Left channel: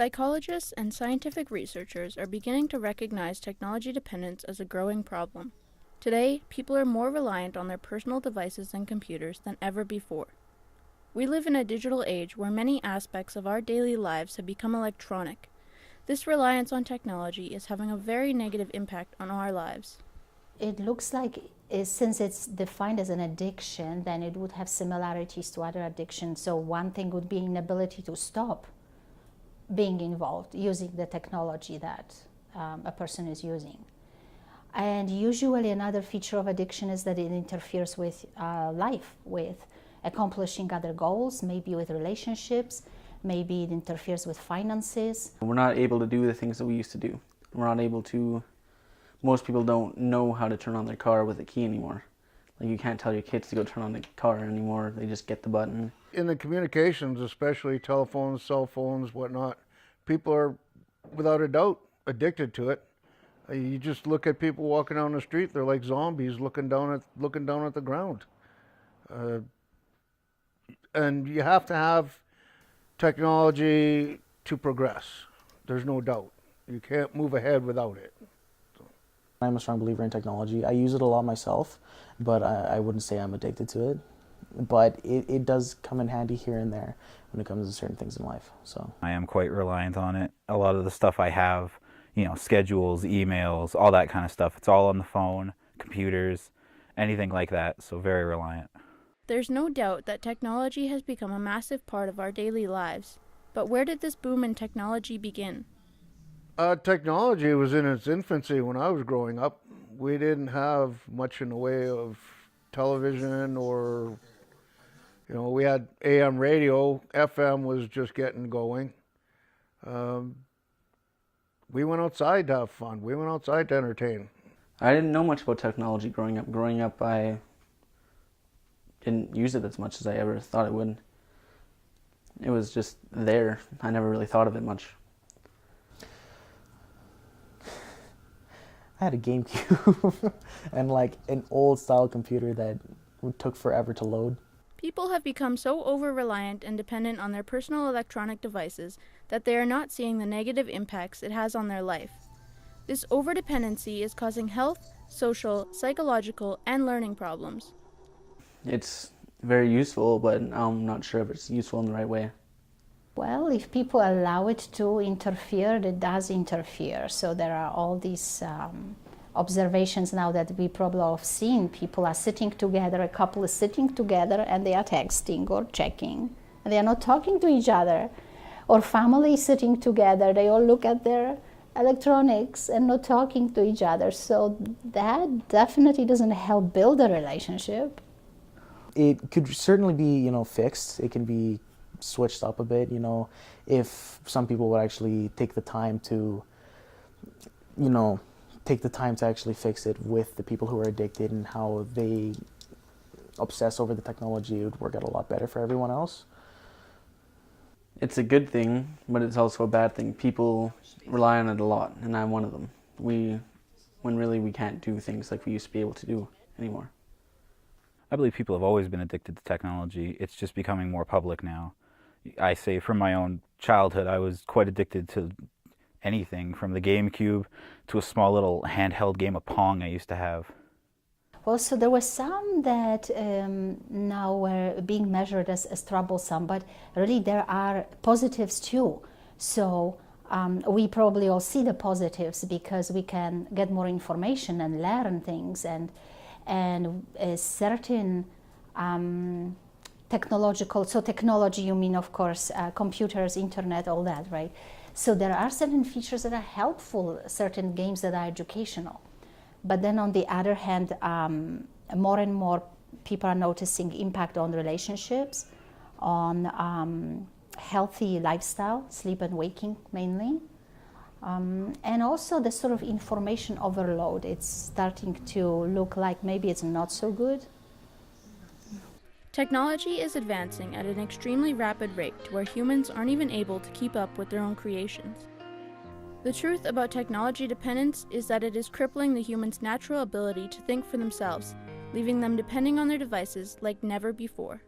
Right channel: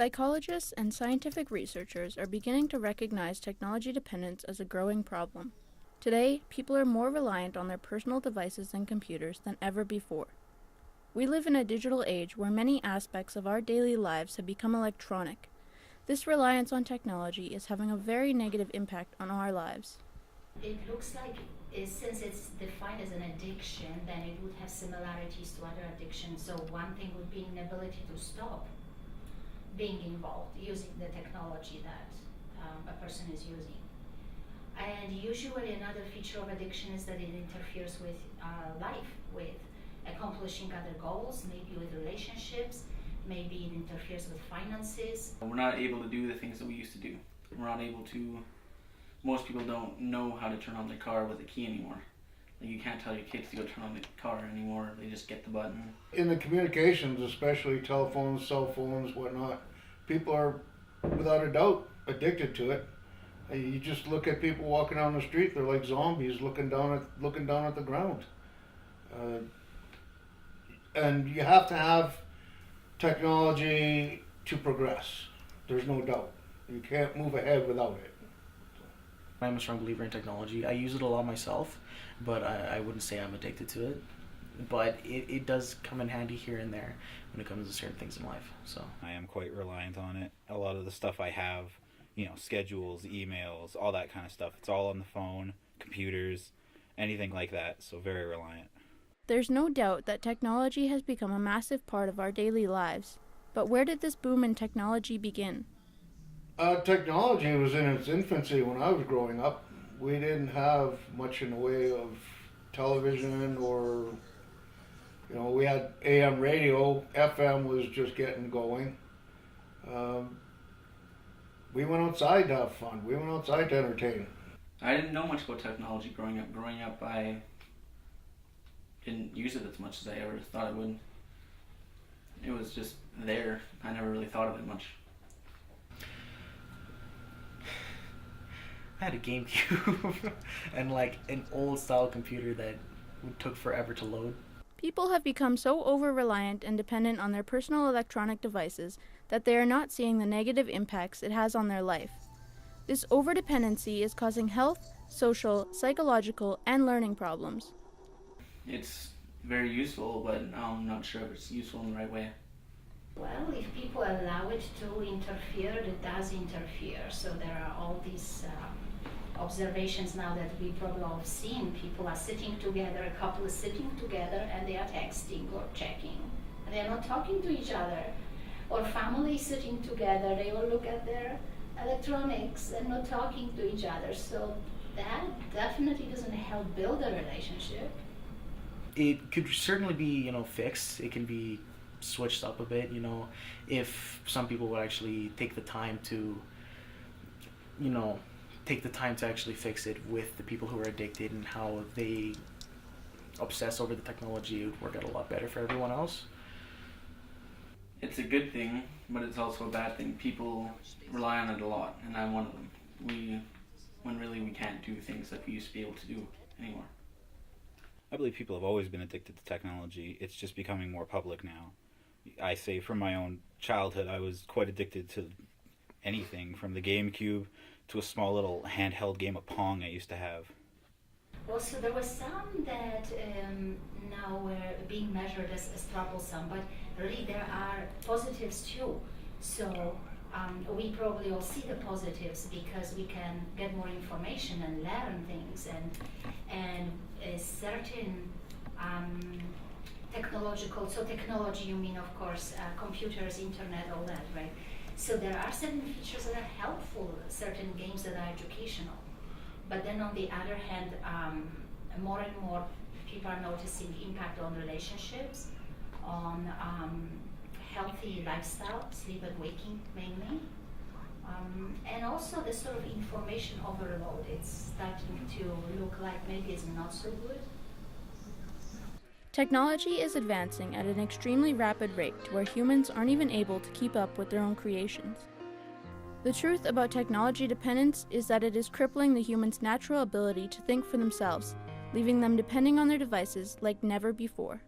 Psychologists and scientific researchers are beginning to recognize technology dependence as a growing problem. Today, people are more reliant on their personal devices and computers than ever before. We live in a digital age where many aspects of our daily lives have become electronic. This reliance on technology is having a very negative impact on our lives. It looks like since it's defined as an addiction, then it would have similarities to other addictions. So one thing would be inability to stop being involved using the technology that a person is using. And usually another feature of addiction is that it interferes with life, with accomplishing other goals, maybe with relationships, maybe it interferes with finances. We're not able to do the things that we used to do. We're not able to, most people don't know how to turn on their car with a key anymore. Like, you can't tell your kids to go turn on the car anymore, they just get the button. In the communications, especially telephones, cell phones, whatnot, people are without a doubt addicted to it. You just look at people walking down the street, they're like zombies looking down at the ground. And you have to have technology to progress. There's no doubt. You can't move ahead without it. I'm a strong believer in technology. I use it a lot myself, but I wouldn't say I'm addicted to it. But it does come in handy here and there when it comes to certain things in life. So I am quite reliant on it. A lot of the stuff I have, schedules, emails, all that kind of stuff, it's all on the phone, computers, anything like that, so very reliant. There's no doubt that technology has become a massive part of our daily lives. But where did this boom in technology begin? Technology was in its infancy when I was growing up. We didn't have much in the way of television or, we had AM radio. FM was just getting going. We went outside to have fun. We went outside to entertain. I didn't know much about technology growing up. Growing up, I didn't use it as much as I ever thought I would. It was just there. I never really thought of it much. I had a GameCube and an old style computer that took forever to load. People have become so over-reliant and dependent on their personal electronic devices that they are not seeing the negative impacts it has on their life. This over-dependency is causing health, social, psychological, and learning problems. It's very useful, but I'm not sure if it's useful in the right way. Well, if people allow it to interfere, it does interfere. So there are all these observations now that we probably have seen. People are sitting together, a couple is sitting together, and they are texting or checking. And they are not talking to each other. Or family sitting together, they all look at their electronics and not talking to each other. So that definitely doesn't help build a relationship. It could certainly be, fixed. It can be switched up a bit, if some people would actually take the time to, actually fix it with the people who are addicted and how they obsess over the technology. It would work out a lot better for everyone else. It's a good thing, but it's also a bad thing. People rely on it a lot, and I'm one of them. When really we can't do things like we used to be able to do anymore. I believe people have always been addicted to technology. It's just becoming more public now. I say from my own childhood, I was quite addicted to anything from the GameCube to a small little handheld game of Pong I used to have. Also, there were some that now were being measured as troublesome, but really there are positives too. So we probably all see the positives because we can get more information and learn things and a certain technology, you mean, of course, computers, internet, all that, right? So there are certain features that are helpful, certain games that are educational. But then on the other hand, more and more people are noticing impact on relationships, on healthy lifestyle, sleep and waking mainly. And also the sort of information overload. It's starting to look like maybe it's not so good. Technology is advancing at an extremely rapid rate to where humans aren't even able to keep up with their own creations. The truth about technology dependence is that it is crippling the human's natural ability to think for themselves, leaving them depending on their devices like never before.